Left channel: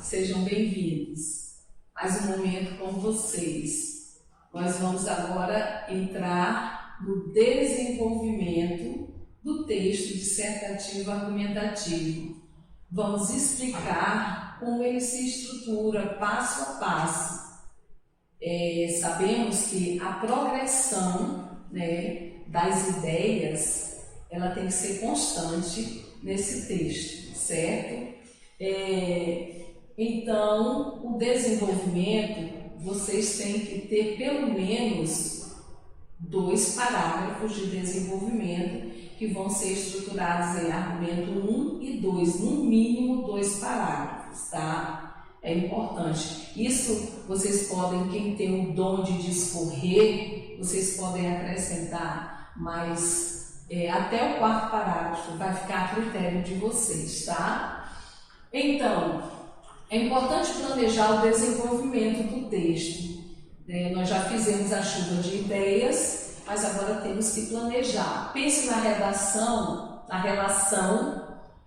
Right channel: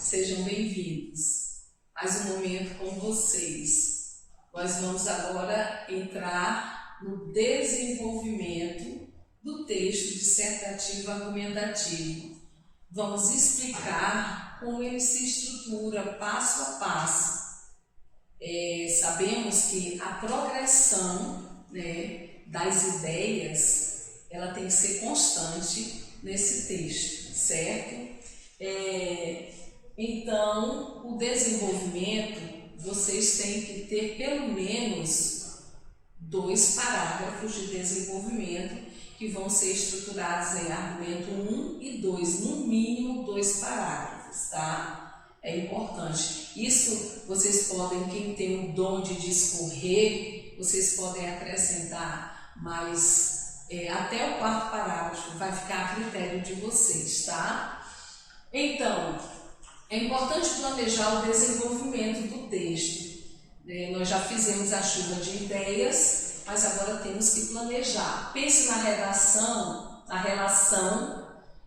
sejam bem-vindos. Mais um momento com vocês. Nós vamos agora entrar no desenvolvimento do texto dissertativo argumentativo. Vamos explicar como ele se estrutura passo a passo. Sabemos que a progressão, das ideias, ela tem que ser constante nesse texto, certo? Então, o desenvolvimento, vocês têm que ter pelo menos 2 parágrafos de desenvolvimento que vão ser estruturados em argumento 1 e 2, no mínimo 2 parágrafos, tá? É importante. Isso vocês podem, quem tem o dom de discorrer, vocês podem acrescentar, mas até o 4º parágrafo vai ficar a critério de vocês, tá? Então, é importante planejar o desenvolvimento do texto. Nós já fizemos a chuva de ideias, mas agora temos que planejar. Pense na redação, na relação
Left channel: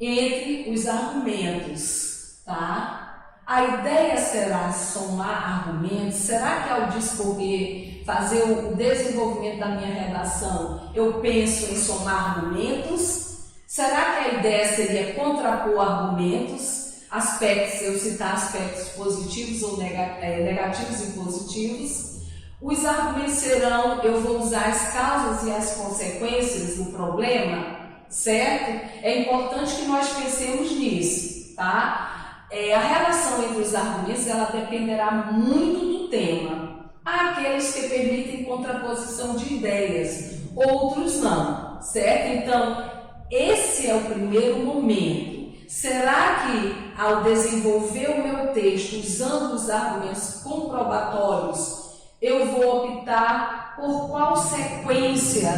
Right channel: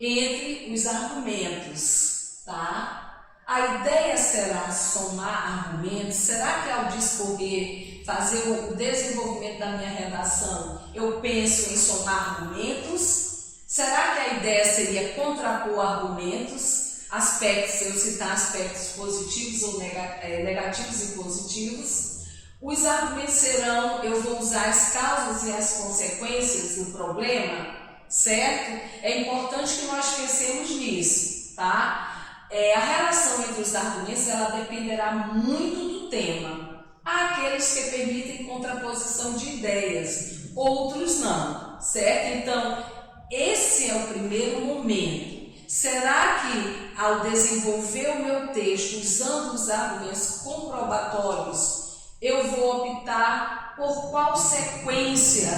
entre os argumentos, tá? A ideia será somar argumentos? Será que ao discorrer, fazer o desenvolvimento da minha redação, eu penso em somar argumentos? Será que a ideia seria contrapor argumentos? Aspectos, eu citar aspectos positivos ou negativos e positivos. Os argumentos serão, eu vou usar as causas e as consequências do problema, certo? É importante que nós pensemos nisso, tá? A relação entre os argumentos, ela dependerá muito do tema. Há aqueles que permitem contraposição de ideias, outros não, certo? Então, esse é o primeiro momento. Será que, ao desenvolver o meu texto usando os argumentos comprobatórios, eu vou optar por qual sequência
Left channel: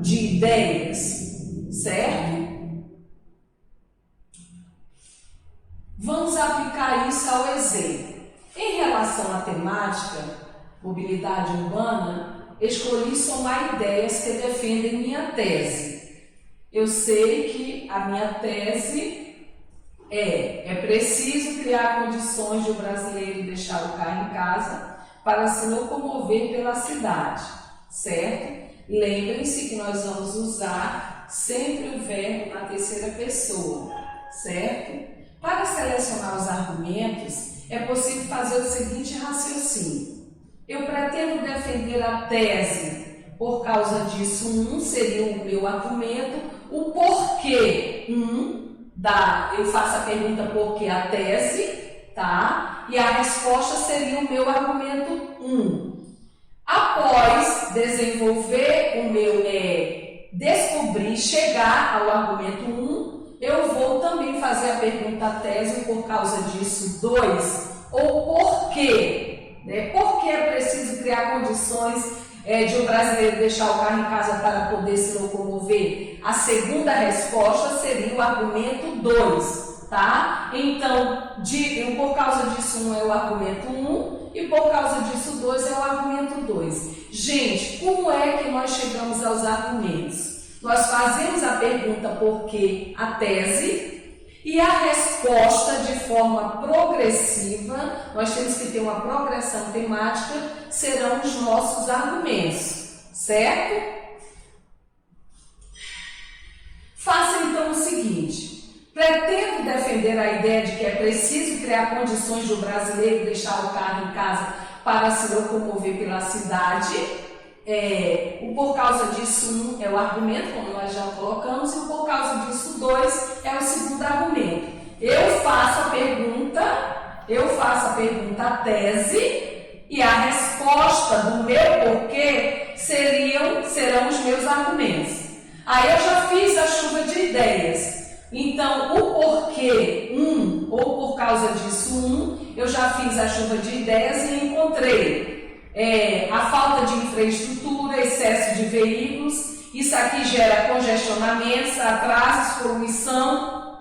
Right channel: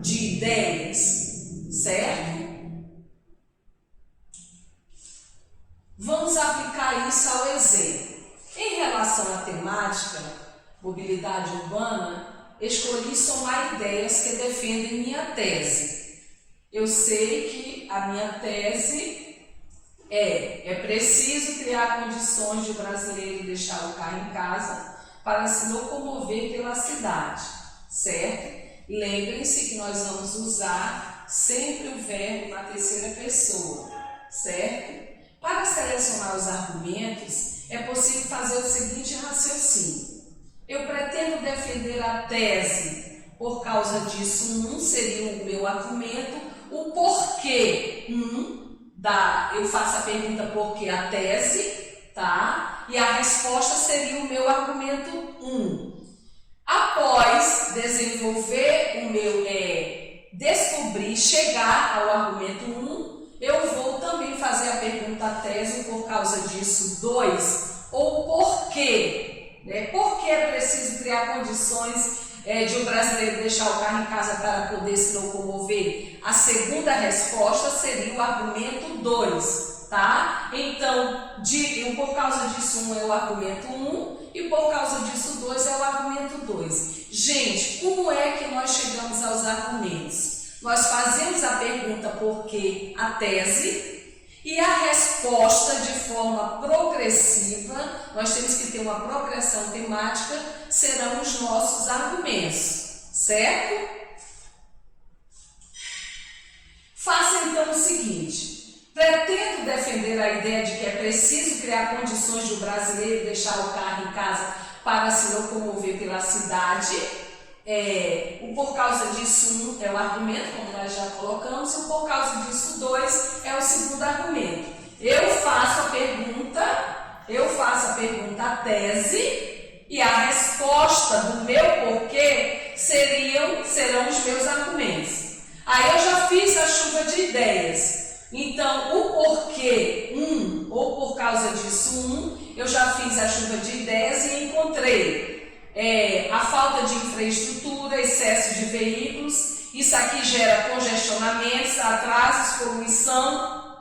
de ideias, certo? Vamos aplicar isso ao exemplo. Em relação à temática, mobilidade urbana, escolhi somar ideias que defendem minha tese. Eu sei que a minha tese é preciso criar condições de o brasileiro deixar o carro em casa para se locomover pela cidade, certo? Lembrem-se que nós vamos usar sempre o verbo na terceira pessoa, certo? Para selecionar os argumentos, é possível fazer o seguinte raciocínio. Eu pretendo defender a tese, por causa disso, seria o meu argumento, o porquê, eu faço a pergunta por que a tese, tá? E a resposta seria o meu argumento 1. Após desenvolver o meu, descobrir, chegar ao argumento 1, eu vou também fazer a pergunta a tese por causa disso 2, ou por quê? Por que é preciso criar condições de um brasileiro deixar o carro em casa para poder se locomover? A segunda resposta seria o argumento 2, tá? Então, por causa disso 1 é o argumento 1 e por causa disso 2 é o argumento 2. Gente, como é que nós chegamos aos argumentos? Nós fazemos a pergunta por que a tese e a resposta de forma progressiva, nós temos que ter uma progressão temática, serão os nossos argumentos, certo? Faça então o seguinte: pretendo defender a ideia de que é preciso criar condições do brasileiro deixar o carro em casa para se locomover pela cidade. O por causa disso 1 é o argumento, como nós já colocamos, e o por causa disso 2 é o segundo argumento. Eu faço a pergunta a tese, e a resposta do meu porquê serão os meus argumentos. Aí eu já fiz a chuva de ideias. Então, o porquê 1 ou por causa disso 1, eu já fiz a chuva de ideias e encontrei a falta de infraestrutura, excesso de veículos, isso aqui gera congestionamentos, atrasos, poluição,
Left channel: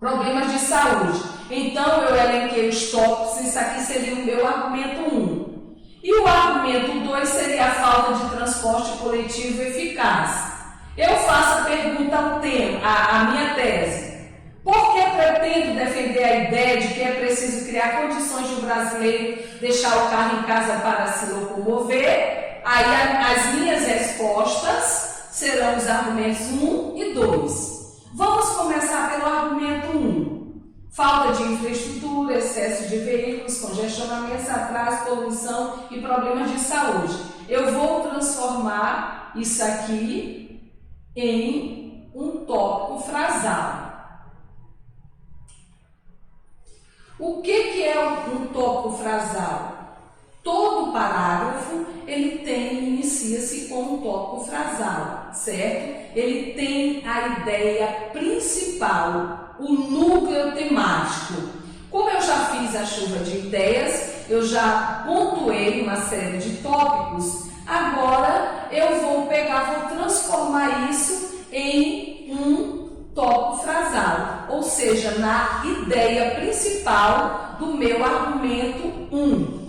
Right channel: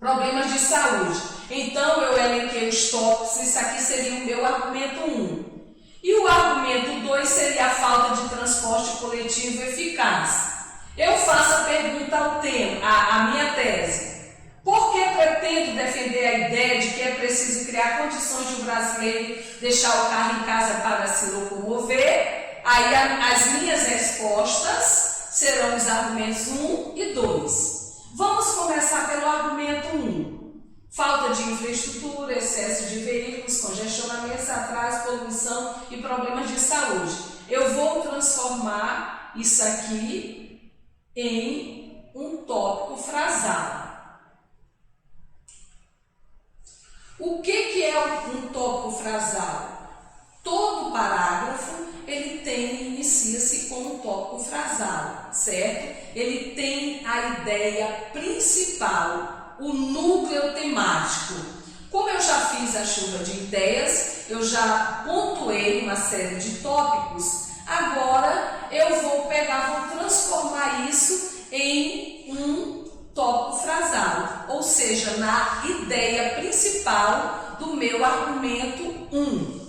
problemas de saúde. Então, eu elenquei os tópicos, isso aqui seria o meu argumento 1. E o argumento 2 seria a falta de transporte coletivo eficaz. Eu faço a pergunta ao tema, a minha tese. Por que pretendo defender a ideia de que é preciso preciso criar condições de o brasileiro deixar o carro em casa para se locomover. Aí as minhas respostas serão os argumentos 1 e 2. Vamos começar pelo argumento 1. Falta de infraestrutura, excesso de veículos, congestionamento, atraso, poluição e problemas de saúde. Eu vou transformar isso aqui em um tópico frasal. O que é um tópico frasal? Todo parágrafo inicia-se com um tópico frasal, certo? Ele tem a ideia principal, o núcleo temático. Como eu já fiz a chuva de ideias, eu já pontuei uma série de tópicos, agora eu vou transformar isso em um tópico frasal, ou seja, na ideia principal do meu argumento 1.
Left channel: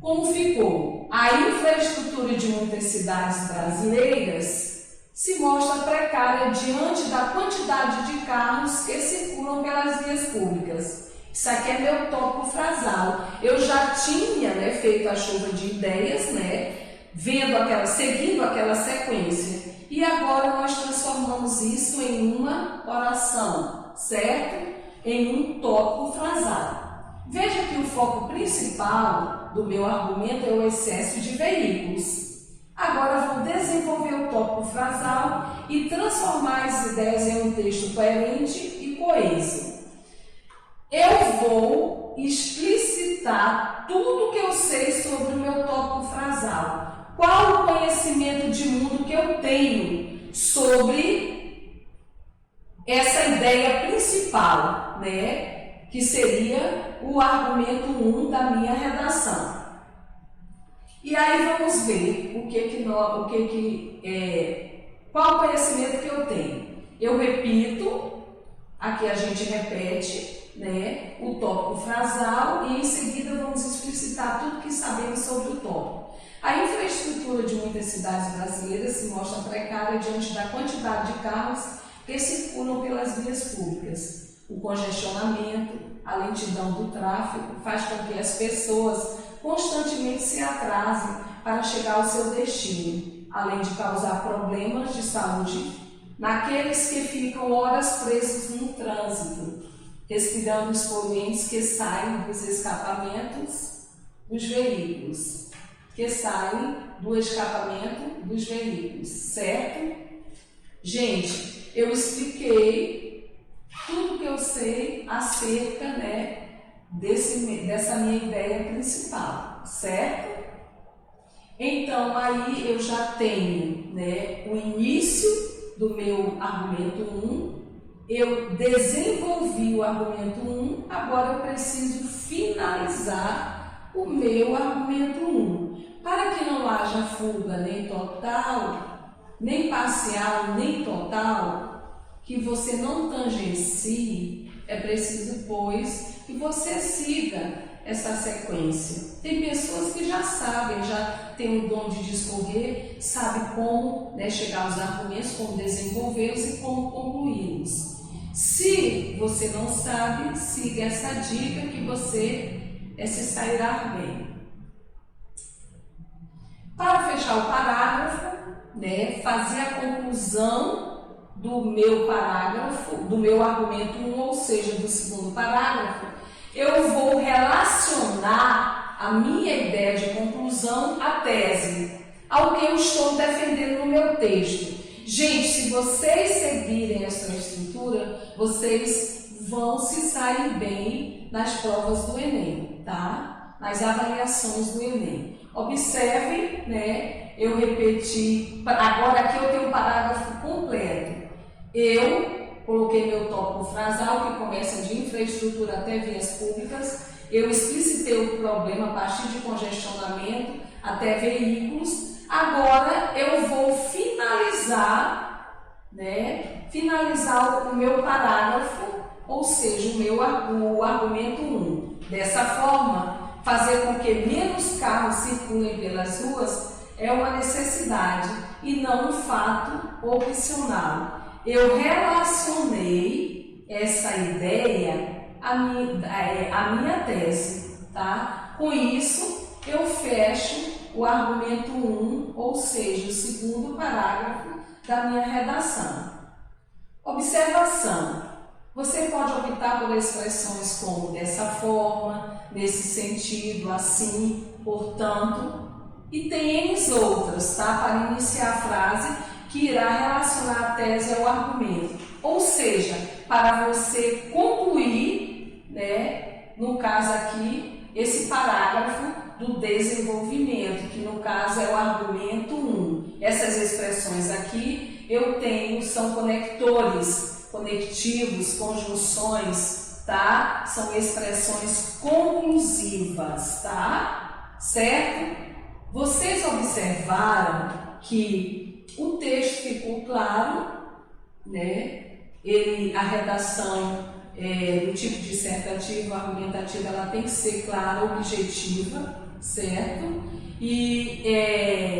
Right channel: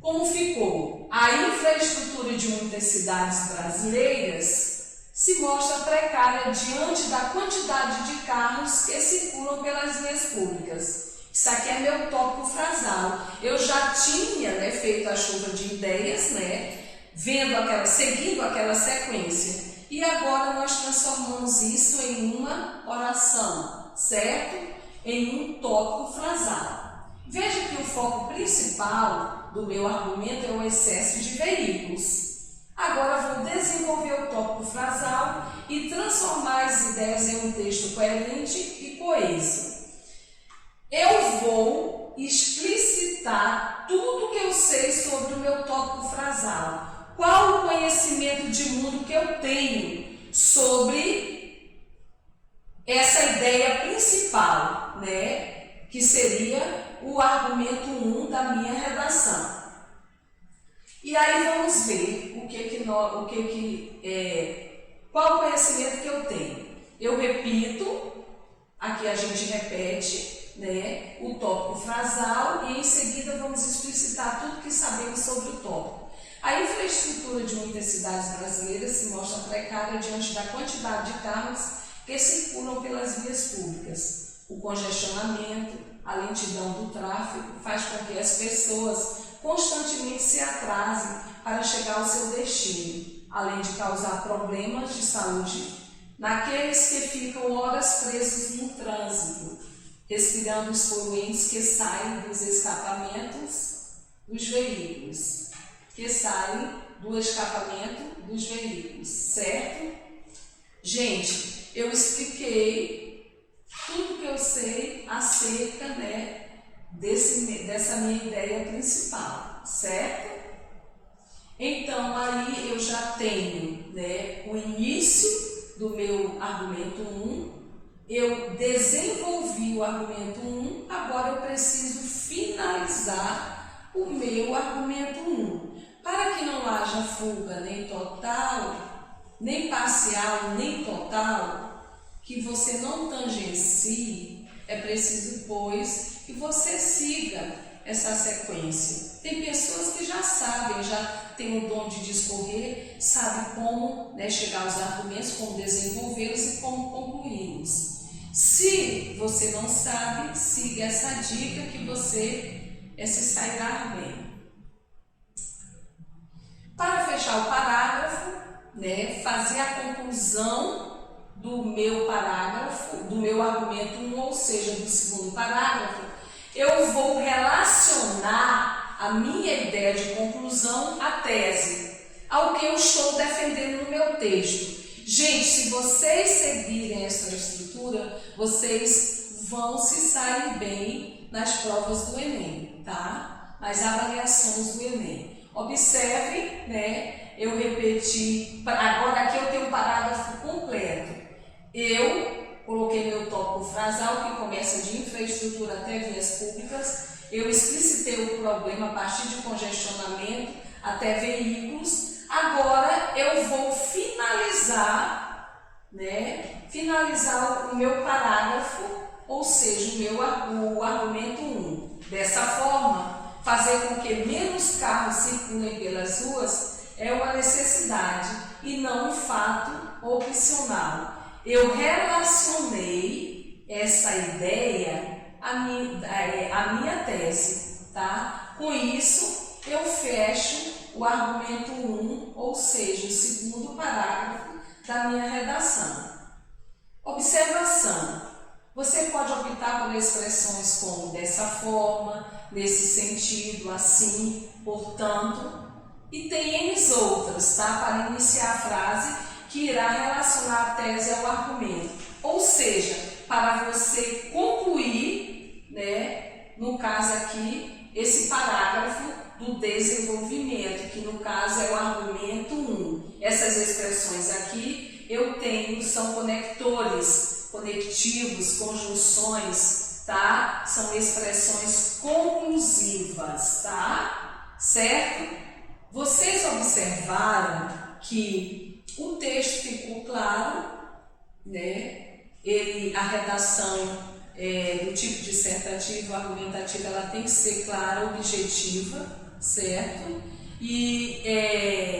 Como ficou? A infraestrutura de muitas cidades brasileiras se mostra precária diante da quantidade de carros que circulam pelas vias públicas. Isso aqui é meu tópico frasal. Eu já tinha feito a chuva de ideias, seguindo aquela sequência. E agora nós transformamos isso em uma oração, certo? Em um tópico frasal. Veja que o foco principal do meu argumento é o excesso de veículos. Agora vou desenvolver o tópico frasal e transformar as ideias em um texto coerente e coeso. Eu vou explicitar tudo que eu sei sobre o meu tópico frasal. Qual o conhecimento de mundo que eu tenho sobre essa ideia principal, que seria o argumento 1 da minha redação. E aí vamos ver qual o conhecimento que eu tenho. Eu repito, aqui a gente repete, o tópico frasal e em seguida vamos explicitar tudo que sabemos sobre o tópico. A infraestrutura de muitas cidades brasileiras se mostra precária diante da quantidade de carros que circulam pelas vias públicas. O congestionamento, a lentidão do tráfego faz com que as pessoas constantemente se atrasem para chegar ao seu destino, além de causar problemas de saúde naqueles que ficam horas presos no trânsito, respirando os poluentes que saem dos escapamentos dos veículos, certo? Gente, eu expliquei tudo que eu sei acerca, dessa minha ideia principal, certo? Então, aí eu já tenho, o início do meu argumento 1, eu desenvolvi o argumento 1, agora eu preciso finalizar o meu argumento 1. Para que não haja fuga nem total, nem parcial, nem total, que você não tangencie, é preciso, pois, que você siga essa sequência. Tem pessoas que já sabem, já têm o dom de discorrer, sabem como chegar aos argumentos, como desenvolvê-los e como concluí-los. Se você não sabe, siga essa dica que você se sairá bem. Para fechar o parágrafo, fazer a conclusão do meu parágrafo, do meu argumento 1, ou seja, do segundo parágrafo, eu vou relacionar a minha ideia de conclusão à tese, ao que eu estou defendendo no meu texto. Gente, se vocês seguirem essa estrutura, vocês vão se sair bem nas provas do Enem, tá? Nas avaliações do Enem. Observem, eu repeti, agora aqui eu tenho um parágrafo completo. Eu coloquei meu tópico frasal, que começa de infraestrutura até vias públicas. Eu explicitei o problema a partir de congestionamento até veículos. Agora eu vou finalizar o meu parágrafo, ou seja, o argumento 1. Dessa forma, fazer com que menos carros circulem pelas ruas é uma necessidade e não um fato opcional. Eu relacionei essa ideia a minha tese, tá? Com isso, eu fecho o argumento 1, ou seja, o segundo parágrafo da minha redação. Observação. Você pode optar por expressões como dessa forma, nesse sentido, assim, portanto, e tem N outras, tá? Para iniciar a frase que irá relacionar a tese ao argumento. Ou seja, para você concluir, né, no caso aqui, esse parágrafo do desenvolvimento, que no caso é o argumento 1. Essas expressões aqui eu tenho, são conectores, conectivos, conjunções, tá? São expressões conclusivas, tá? Certo? Vocês observaram que o texto ficou claro, né? A redação do tipo dissertativo, argumentativa, ela tem que ser clara, objetiva, certo? E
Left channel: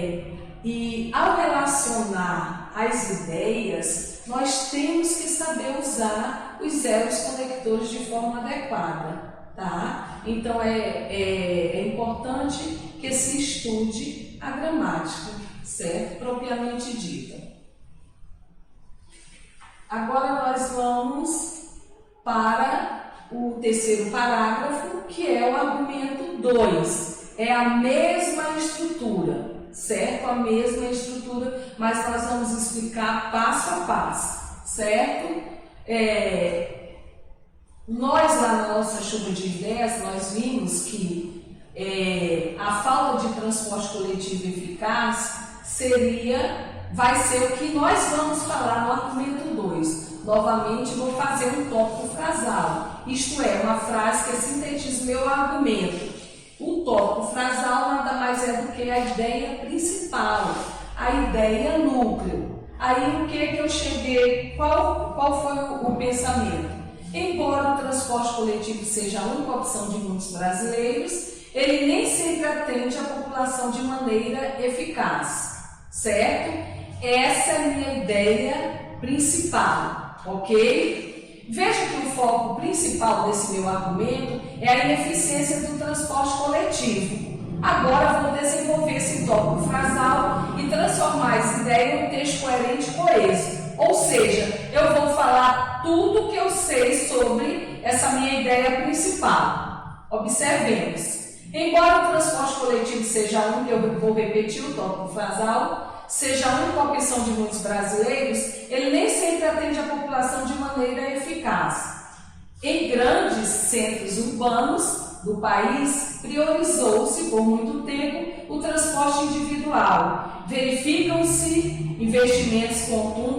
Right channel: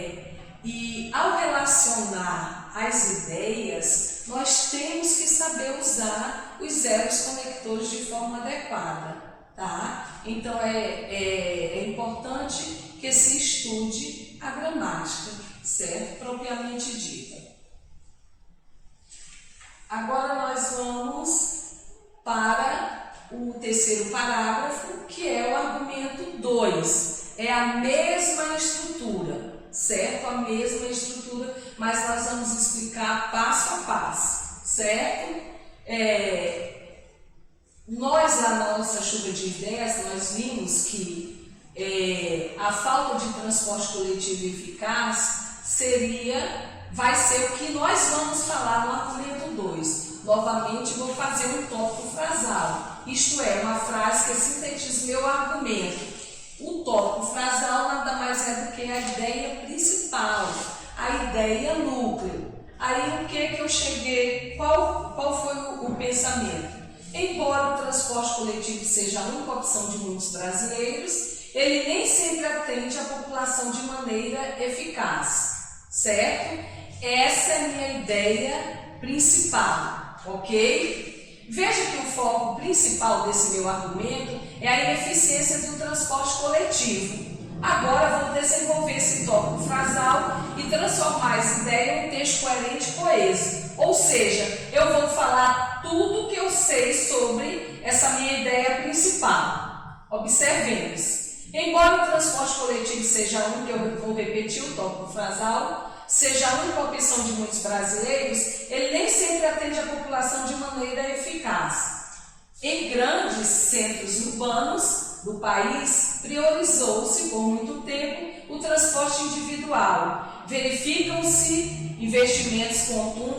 ao relacionar as ideias, nós temos que saber usar os elos conectores de forma adequada, tá? Então é importante que se estude a gramática, certo? Propriamente dita. Agora nós vamos para o terceiro parágrafo, que é o argumento 2. É a mesma estrutura, certo? A mesma estrutura, mas nós vamos explicar passo a passo, certo? Nós, lá na nossa chuva de ideias, nós vimos que a falta de transporte coletivo eficaz vai ser o que nós vamos falar no argumento 2. Novamente, vou fazer um tópico frasal, isto é, uma frase que sintetiza meu argumento. O tópico frasal nada mais é do que a ideia principal, a ideia núcleo. Aí o que eu cheguei, qual foi o pensamento? Embora o transporte coletivo seja a única opção de muitos brasileiros, ele nem sempre atende a população de maneira eficaz, certo? Essa é a minha ideia principal, ok? Veja que o foco principal desse meu argumento é a ineficiência do transporte coletivo. Agora vou desenvolver esse tópico frasal e transformar essa ideia em um texto coerente e coeso. Ou seja, eu vou falar tudo que eu sei sobre essa minha ideia principal. Observemos. Embora o transporte coletivo seja um, que eu vou repetir o tópico frasal, seja a única opção de muitos brasileiros, ele nem sempre atende a população de maneira eficaz. Em grandes centros urbanos do país, priorizou-se por muito tempo o transporte individual. Verificam-se investimentos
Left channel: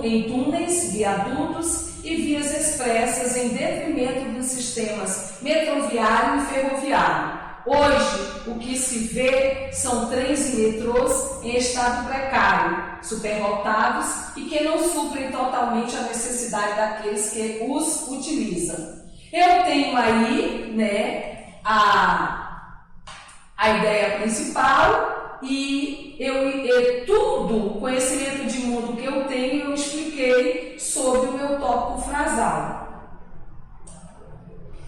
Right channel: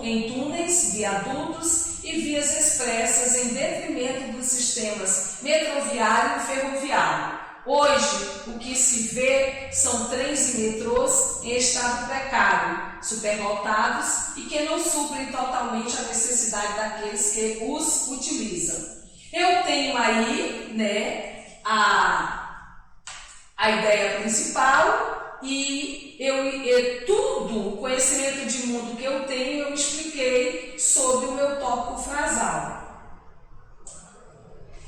em túneis, viadutos e vias expressas em detrimento dos sistemas metroviário e ferroviário. Hoje, o que se vê são trens e metrôs em estado precário, superlotados e que não suprem totalmente a necessidade daqueles que os utilizam. Eu tenho aí, né, a ideia principal e tudo o conhecimento de mundo que eu tenho, eu expliquei sobre o meu tópico frasal.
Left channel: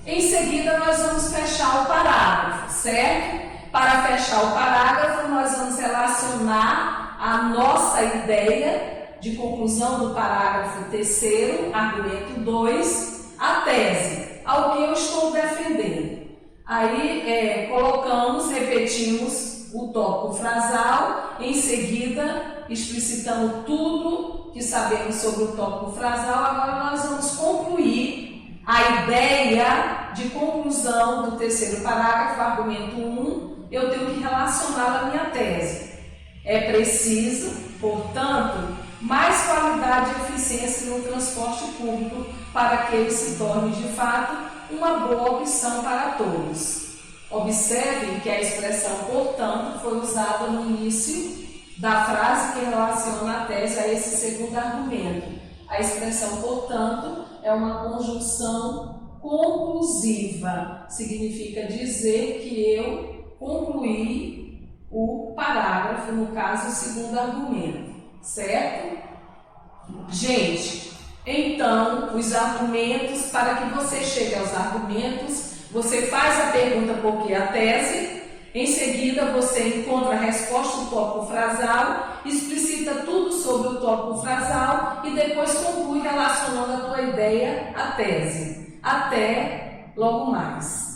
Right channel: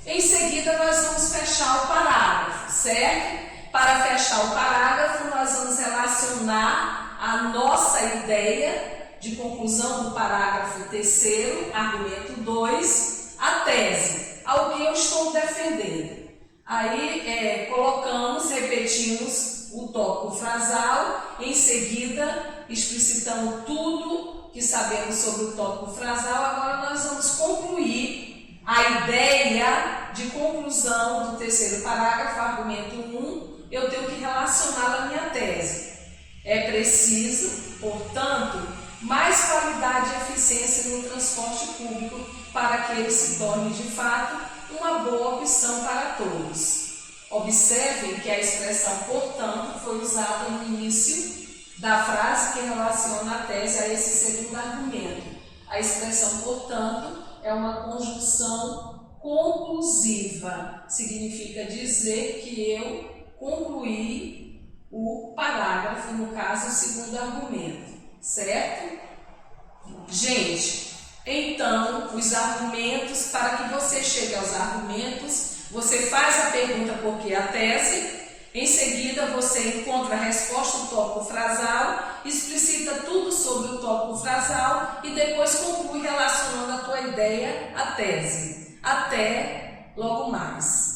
Em seguida, nós vamos fechar o parágrafo, certo? Para fechar o parágrafo, nós vamos relacionar a nossa ideia de conclusão do parágrafo 3º, argumento 2, à tese, ao que eu estou defendendo. Aí, repetimos o tópico frasal, em seguida, explicitando tudo que sabemos sobre o tópico frasal. Agora nós vamos concluir a ideia de conclusão do terceiro parágrafo, argumento 1, eu tenho que relacionar a minha tese. É preciso, portanto, mais qualidade e eficiência no transporte público para que ele se torne, de fato, uma boa opção para todos. Observem que a expressão portanto foi usada no início da frase que relaciona a tese a esse segundo argumento. A expressão portanto é uma conjunção conclusiva, significa dizer que eu concluí o parágrafo, no caso, o segundo argumento, certo? Gente, Então, os argumentos, para que você chegue aos argumentos, você faz a pergunta por que a tese, em seguida você encontra a resposta do tópico frasal, explicita tudo sobre o tópico frasal e depois conclui relacionando a tua ideia à tese. Até logo mais.